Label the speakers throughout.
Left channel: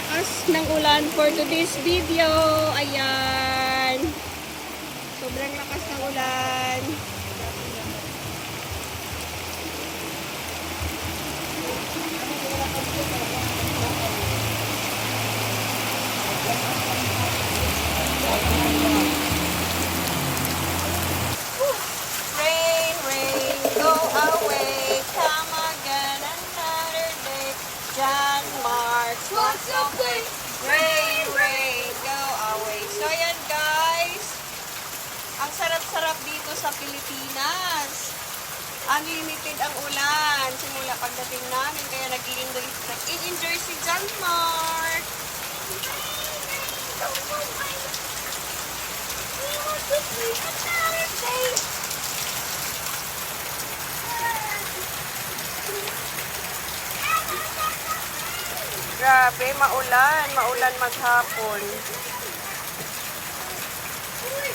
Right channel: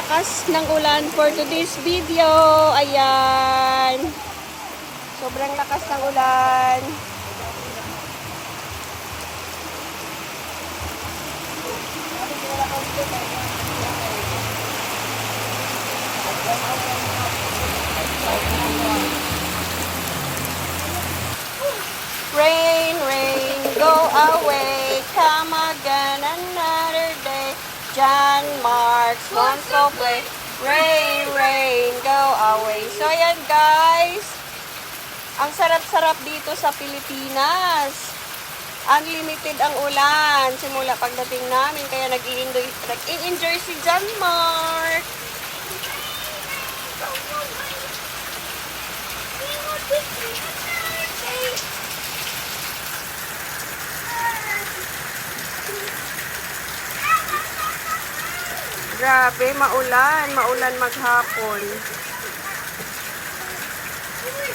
Speaker 1: lakas ng ulan for today's video. Ayan. Sobrang lakas ng ulan. Rain, To play. Rain, rain, go away. So, ayan guys. Ang sarap-sarap dito sa Pilipinas. Unlimited ang ulan simula pagdating namin. Kaya nag-i-enjoy, nag-i-enjoy si John Mark. Grabe, maulan. Maulan maghapon.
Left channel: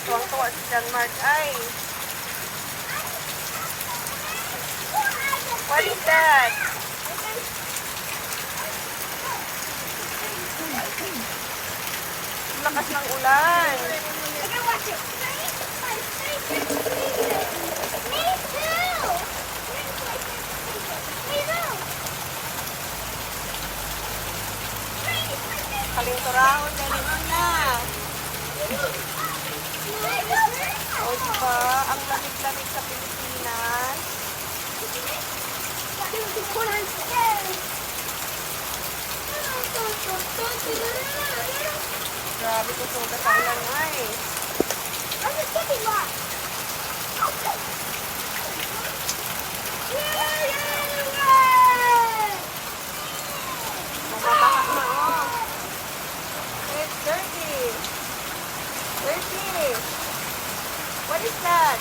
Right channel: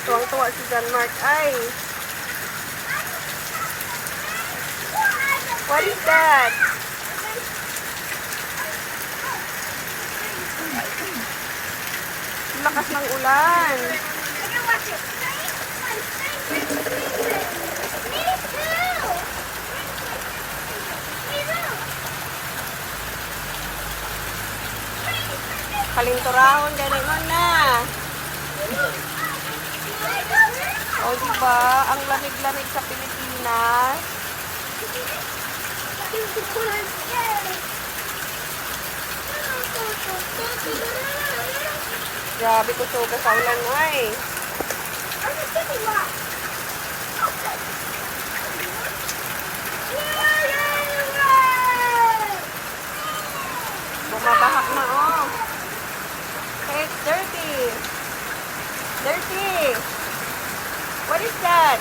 Speaker 1: Tuwang-tuwa si John Mark. Ay, what is that? Lakas ng ulan. Kalinturahon, ganun na. O, diba? Ang lamig-lamig sa Pilipinas. Grabe ko suga sa ulan ay. Bumabaha na, oh. It's dirty. Dirty. What is that?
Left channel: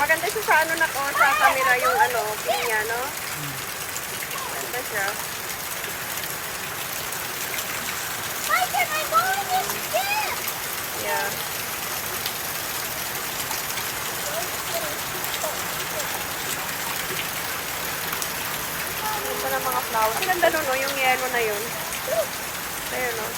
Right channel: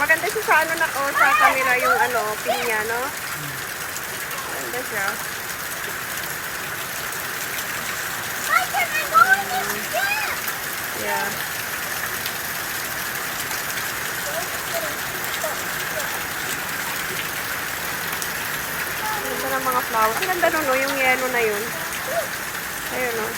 Speaker 1: Maganda siya sa ano na ko, sa camera yung ano, pinya, no? Maganda siya. Yeah. Ganda ng mga flowers. Ang ganda nun, no? Yung yellow na yun. Ayun, no?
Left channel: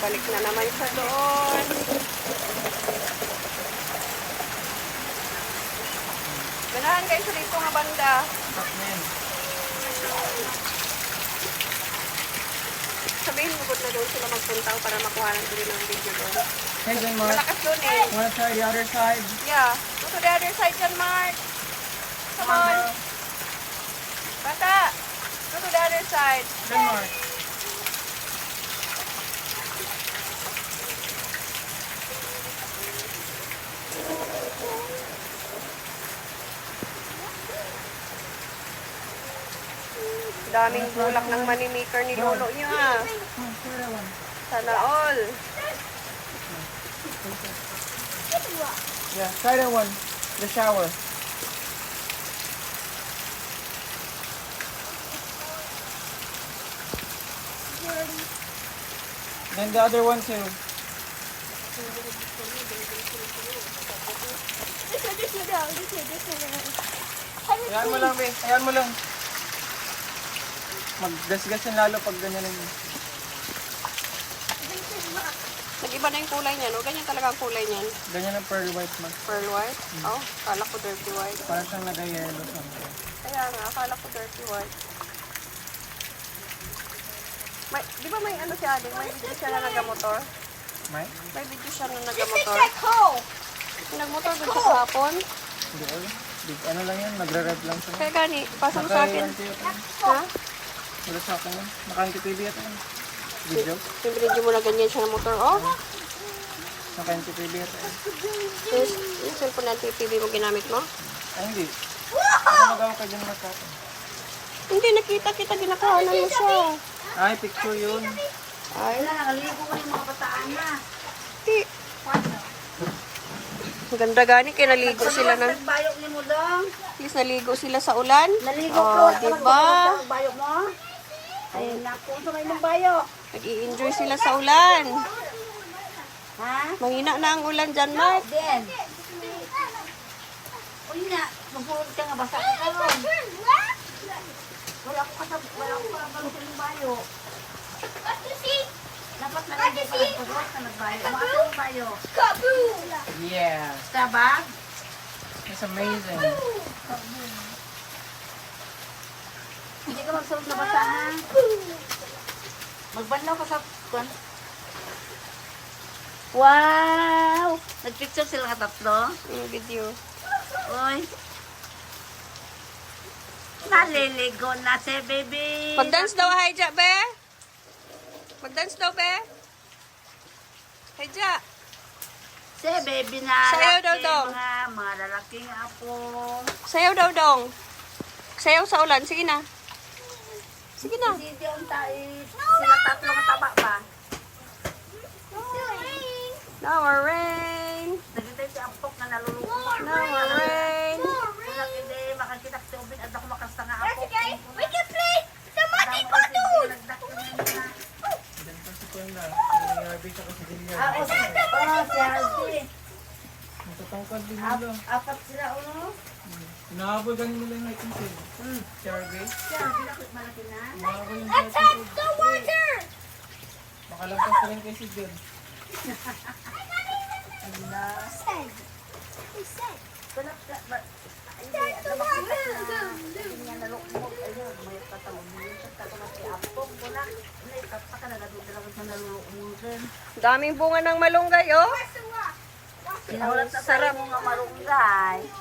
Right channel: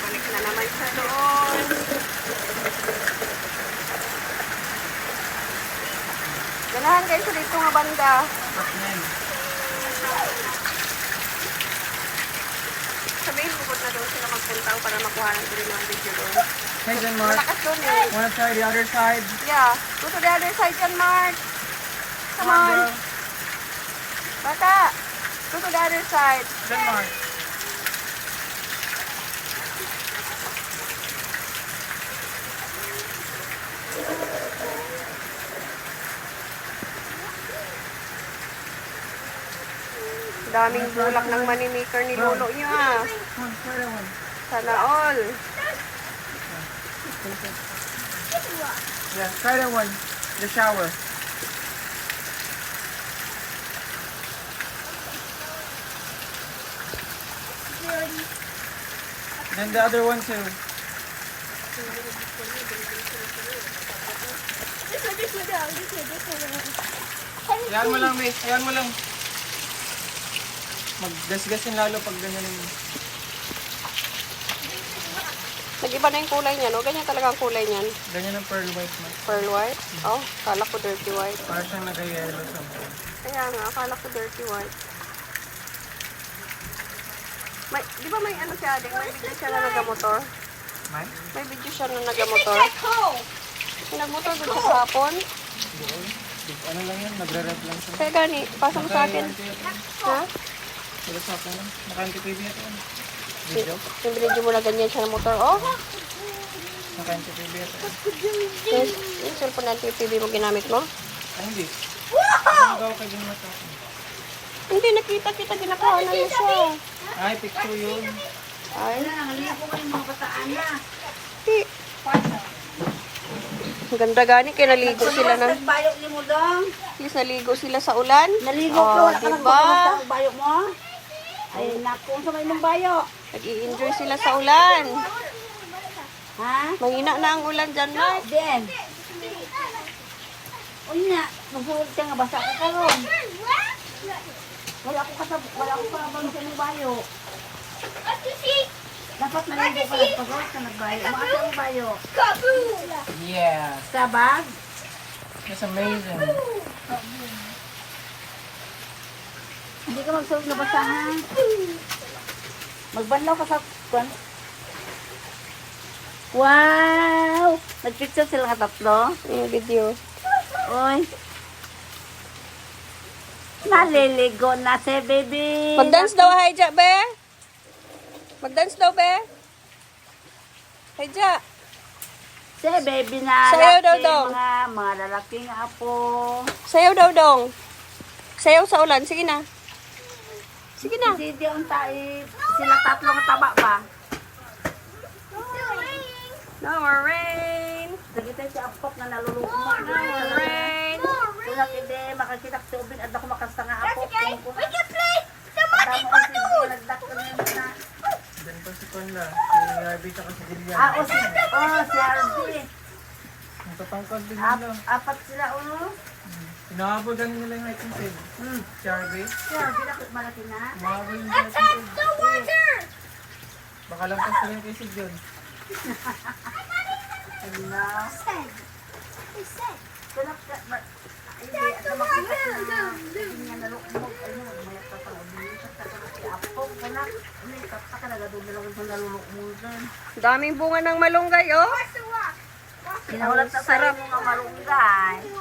Speaker 1: Balik na naman siya doon. Ganahan kayo sa dito nga banda. Sabihin mo na doon sila magpunta para makuha ng tuloy ng video doon.
Speaker 2: Hey, John Mark.
Speaker 1: Malakas doon eh.
Speaker 2: Wanna try the other side?
Speaker 1: Yeah. Go to the other side, John Mark. Come on. Bata. Go to the other side.
Speaker 2: John Mark.
Speaker 1: Daming bulak ng manimiker ni Lolo niya. Sana all.
Speaker 2: Yeah, try that one. The shower. Then the other one too.
Speaker 3: This one, this one. This one, this one.
Speaker 2: Ayan mo lang, be. Ayan mo lang. Maggasgasin lalo pag gano'n mo.
Speaker 1: Nag-iba na yung kulay niya, no? Ganyan talaga ang kulay niyan.
Speaker 2: Ganyan ang pearl white mo.
Speaker 1: Pearl white. Oh, kala ko dirty white.
Speaker 2: Para siyang nag-yellow.
Speaker 1: Kaya nga, akala ko dirty white. May, di ba may ano siya, Ading? May video siya na nagamotor?
Speaker 2: May?
Speaker 1: May video siya na nagamotor. Nagmotor doon sa kahapon.
Speaker 2: Hindi ko. Big ano lang yan, magra-rev lang siya.
Speaker 1: Kaya gani, pasa mo sa akin. Ha?
Speaker 2: Wala sa akin. Makanto TV at yan. Video.
Speaker 1: Yung binigyan mo na ganyan siya ng motor. Oh,
Speaker 2: Makanto TV at yan.
Speaker 1: yung, yung cellphone na TV mo ginamit mo?
Speaker 2: Ah, hindi. Ano yung mata?
Speaker 1: Hindi, nakita kita, ginakuhanan mo siya.
Speaker 2: Ay, picture yun.
Speaker 1: Ay,
Speaker 3: Nakalimutan ko yung mga bataan na.
Speaker 1: di. Ang ganda gani, kaya naligo sila na. At least naligo sila sa ulan.
Speaker 3: Naligo
Speaker 1: Oh,
Speaker 3: ko.
Speaker 1: di ba?
Speaker 3: Bayok mo?
Speaker 1: Nag-i-enjoy sila sa ulan.
Speaker 3: Ha?
Speaker 1: Mahina na ang ulan dyan.
Speaker 3: Uy nga, magsulog ka nga basa ka karon. Wala ko kasab, wala ko kasab sa bayok. Dapat ka lang pagod ka nagbayok. Mga sa mong bayok.
Speaker 2: Yeah.
Speaker 3: Sa bag?
Speaker 2: It's amazing.
Speaker 3: Ka magsulog na basahan. Magbanlaw ka sa kwan. Wow! Nagpicture sila ka tatlo.
Speaker 1: Yung video.
Speaker 3: Uy. Naliligo na si baby.
Speaker 1: Mag-dance daw, Haidja, be? Mag-dance daw, be? Haidja.
Speaker 3: Si baby nga.
Speaker 1: Sayaw daw, dong.
Speaker 3: Mga, mga lalaking apo.
Speaker 1: Sayaw daw, dong. Sayaw sa ulan. Sige na. Sige na.
Speaker 3: Si Dion tayo. Sila tatlo kataba pa.
Speaker 1: No more rain.
Speaker 3: Nagitay si Apok na naluluko mo.
Speaker 1: No more rain.
Speaker 3: Kung hindi makakita si Ubin at ako makasta nga Apok.
Speaker 4: We can play the muddy
Speaker 3: puddle.
Speaker 2: Diyan pa si. Yung Harvey ka kasi din yan.
Speaker 3: Ah, o si, oh, si Harvey.
Speaker 2: Natatangkad din nila.
Speaker 3: Apat sila, ulo.
Speaker 2: Inahabol ganun nila yung item sale.
Speaker 3: Hmm.
Speaker 2: Harvey,
Speaker 3: nakit malaki na.
Speaker 2: Inahabol yung sale.
Speaker 4: the water.
Speaker 2: Baka lang kasi yung kasi John.
Speaker 3: Ano?
Speaker 4: Said. He said.
Speaker 3: Tulak ka,
Speaker 4: That's the water.
Speaker 1: Daming bunga ng malunggay, oh.
Speaker 3: Na
Speaker 1: sarap.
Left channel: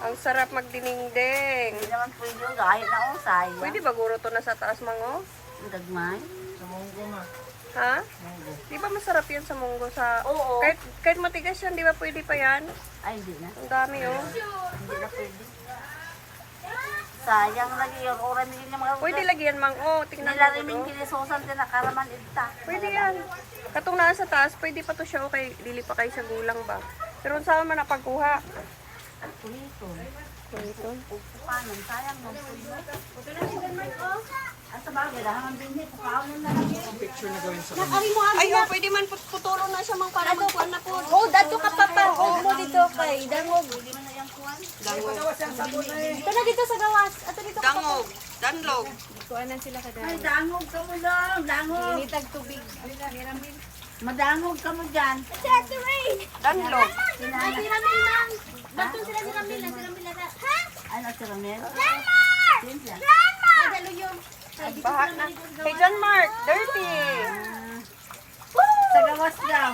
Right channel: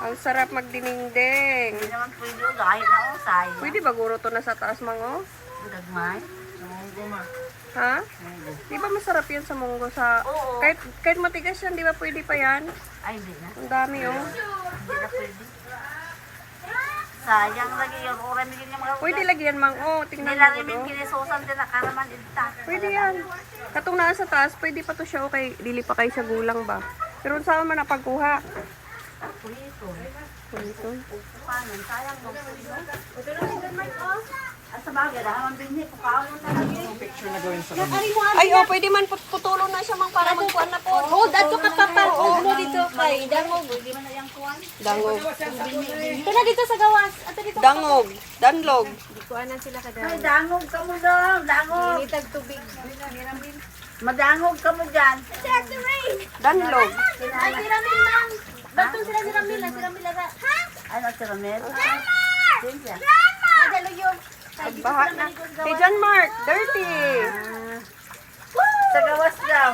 Speaker 1: Ang sarap magdiningding.
Speaker 3: Hindi naman pwede o, kahit na o, sayang.
Speaker 1: Pwede ba guro to na sa taas, mango?
Speaker 3: Ang Dagmay.
Speaker 2: Ma.
Speaker 1: Ha? Di ba masarap yan sa munggo sa...
Speaker 3: Oo.
Speaker 1: Kahit, kahit matigas yan, di ba pwede pa yan?
Speaker 3: Ay, hindi na.
Speaker 1: Ang dami, oh.
Speaker 3: Hindi na pwede. Sayang lagi yun. Oran din yung mga
Speaker 1: Pwede lagyan, mango. Tingnan
Speaker 3: Nila
Speaker 1: mo,
Speaker 3: rin
Speaker 1: oh.
Speaker 3: kinisusan din na karaman ita.
Speaker 1: Pwede yan. Katong nasa taas, pwede pa to siya, okay. Dili pa kayo sa gulang ba? Pero saan man napagkuha?
Speaker 3: Pulito.
Speaker 1: Ito.
Speaker 3: Paano? Sayang mo. Lang din sa bagay, dahil din niya, pukaon na lang
Speaker 1: Ay, oh, pwede man put putulong na siya mang para magkuhan na po.
Speaker 3: Oh, dato ka papa. Oh, ano dito kay Dangog.
Speaker 1: Dangog.
Speaker 3: Ito na dito sa gawas. Ato dito.
Speaker 1: Dangog. Danlog.
Speaker 3: Ay, dangog ka mo daw. Dangog. Initag tubig. Madangog ka mo dyan.
Speaker 4: That's the rain.
Speaker 1: Danlog.
Speaker 4: Ay, si Ramil lang. Batong sila si Ramil lang. Si Ramil lang. Ha?
Speaker 3: Ay, nasa ramen.
Speaker 4: Grandma! Grandma! Madalo yun.
Speaker 1: Baha na. Kay John Mark, dirty.
Speaker 3: Sa gawas lang.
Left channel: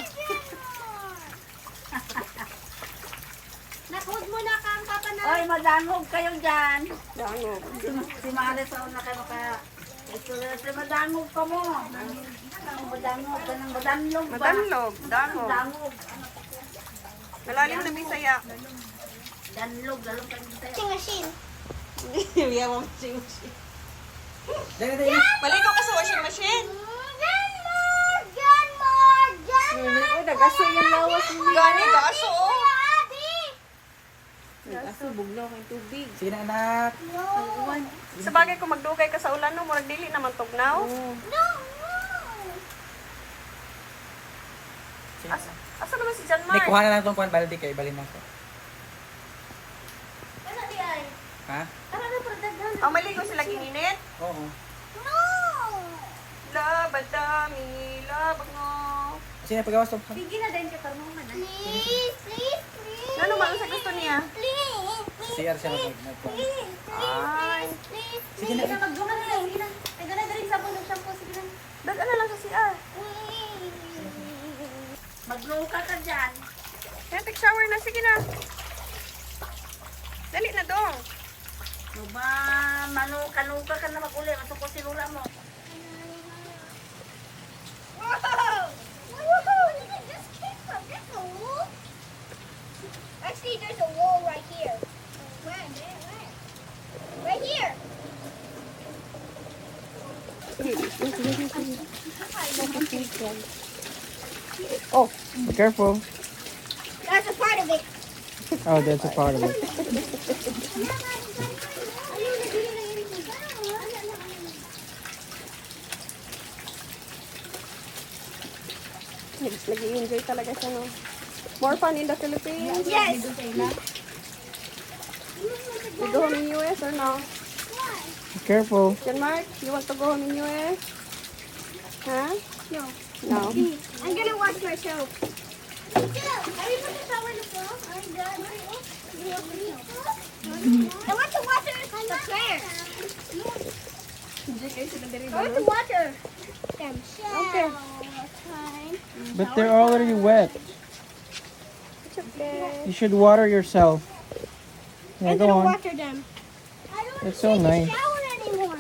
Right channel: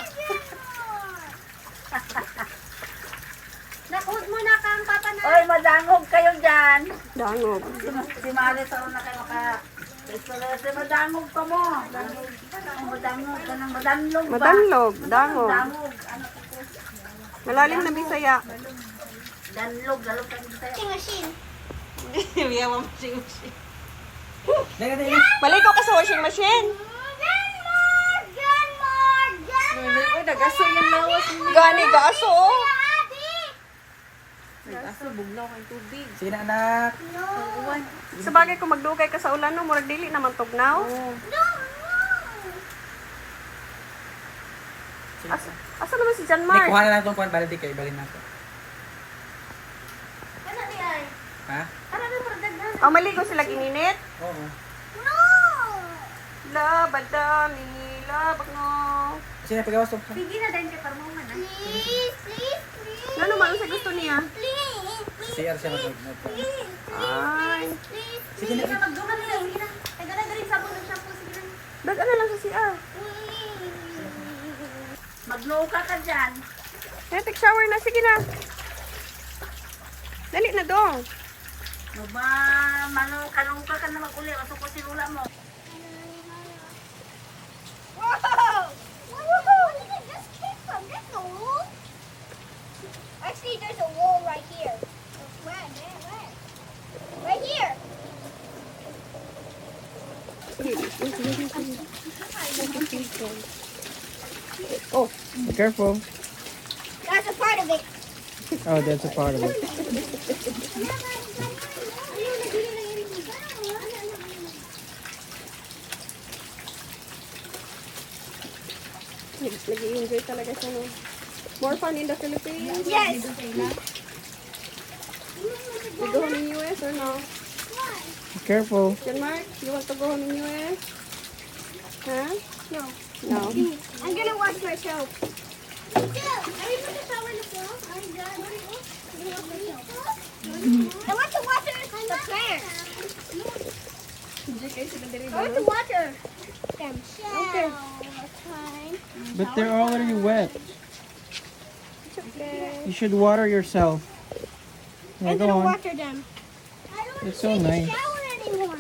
Speaker 4: Nakud mo na kang papa na.
Speaker 3: Oy, madangog kayo dyan.
Speaker 1: Dangog.
Speaker 3: Si Mare sa na kayo maka... Ito na si madangog ka mo. Madangog. Ka ng madanlog ba?
Speaker 1: Madanlog. Dangog.
Speaker 3: Dangog.
Speaker 1: Malalim na bisaya.
Speaker 3: Danlog. Lalog ka dito.
Speaker 4: Sing machine.
Speaker 2: Dali, dali.
Speaker 1: Maliko ka sa washing machine.
Speaker 4: Grandma! Grandma! Grandma!
Speaker 1: Mo. Gani, gaso, oh.
Speaker 4: Daddy!
Speaker 2: Sige na anak.
Speaker 4: No!
Speaker 1: Sa bagay kung magdugay ka sa ulan, no, murag dili naman tugnaw.
Speaker 4: No! No!
Speaker 2: Sige
Speaker 1: As,
Speaker 2: na.
Speaker 1: asa naman si John
Speaker 2: Hindi,
Speaker 1: Mark?
Speaker 2: kuha na lang itong kuhan. Baldi kayo. Balin na ako.
Speaker 4: Ano di ay?
Speaker 2: Ha?
Speaker 4: Ano na pagdagan?
Speaker 1: Oh, maligo sila gininit.
Speaker 2: Oo.
Speaker 4: No!
Speaker 1: Labadami, labag no.
Speaker 2: Sige na, pagawas to.
Speaker 4: Bigyan na din kay Parmong na. Please, please, please.
Speaker 1: Ano naman sa gusto niya?
Speaker 4: Please, please,
Speaker 2: CR siya mag
Speaker 1: Ay.
Speaker 4: please.
Speaker 2: Sige na.
Speaker 1: Dag ano lang sa CR.
Speaker 4: Please.
Speaker 3: Magluka ka dyan.
Speaker 1: Kaya take shower na, sige na. Dali na dong.
Speaker 3: Maba, mano, kalungkal ka na mag-uli. Ato ko si Lula mo.
Speaker 2: Careful.
Speaker 4: That's a part of it.
Speaker 2: Oh, that's a part of it.
Speaker 1: nag-i-enjoy talaga siya, no? More fun in the Philippines?
Speaker 4: Yes.
Speaker 1: You go home in US or no?
Speaker 2: Be careful.
Speaker 1: Jan Mark, you want to go home in US? Huh?
Speaker 4: No.
Speaker 1: No.
Speaker 4: I'm gonna watch myself. I want to watch her. The player. I want to watch her. Them. Okay.
Speaker 2: But they're already wet.
Speaker 1: Okay.
Speaker 2: You should water yourself. Yeah,
Speaker 4: I'm
Speaker 2: go
Speaker 4: gonna
Speaker 2: on.
Speaker 4: water them. I don't want
Speaker 2: It's so nice.
Speaker 4: a shower anymore. I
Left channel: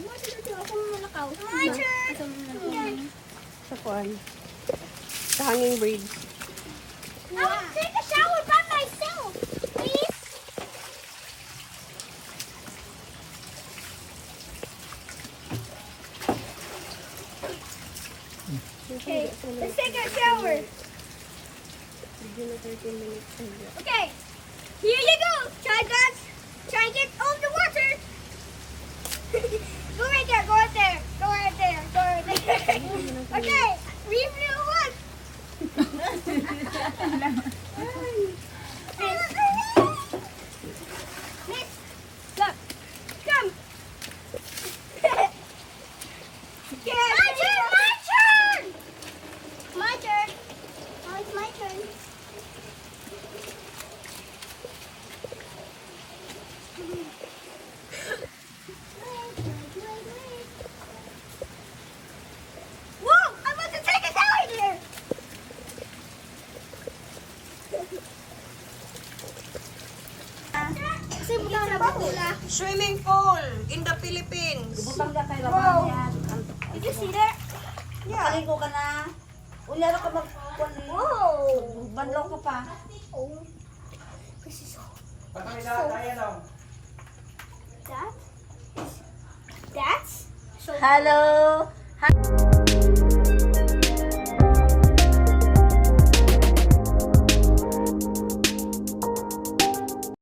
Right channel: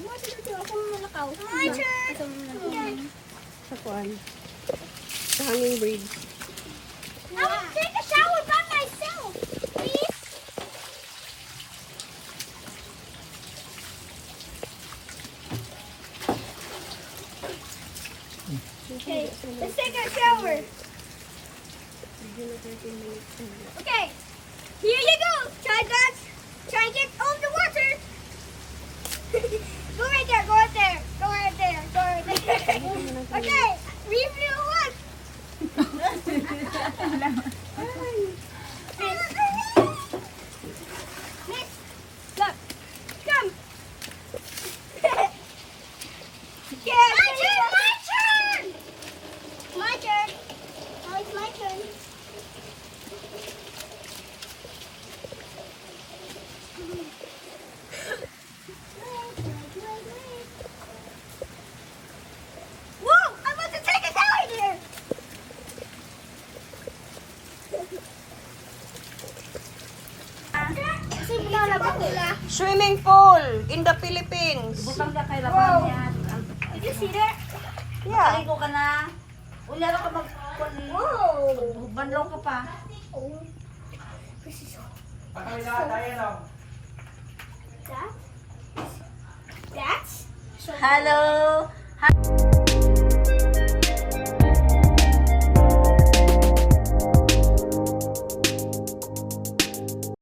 Speaker 4: want to do ako muna kao. My turn.
Speaker 1: Sa kuan. Sa hanging bridge.
Speaker 4: 给你们看一
Speaker 1: Yeah.
Speaker 3: Ko ka na. Uli ako mag...
Speaker 4: Whoa.
Speaker 3: Banlaw ko pa.
Speaker 4: Oh. This is that. That's so
Speaker 3: Hello!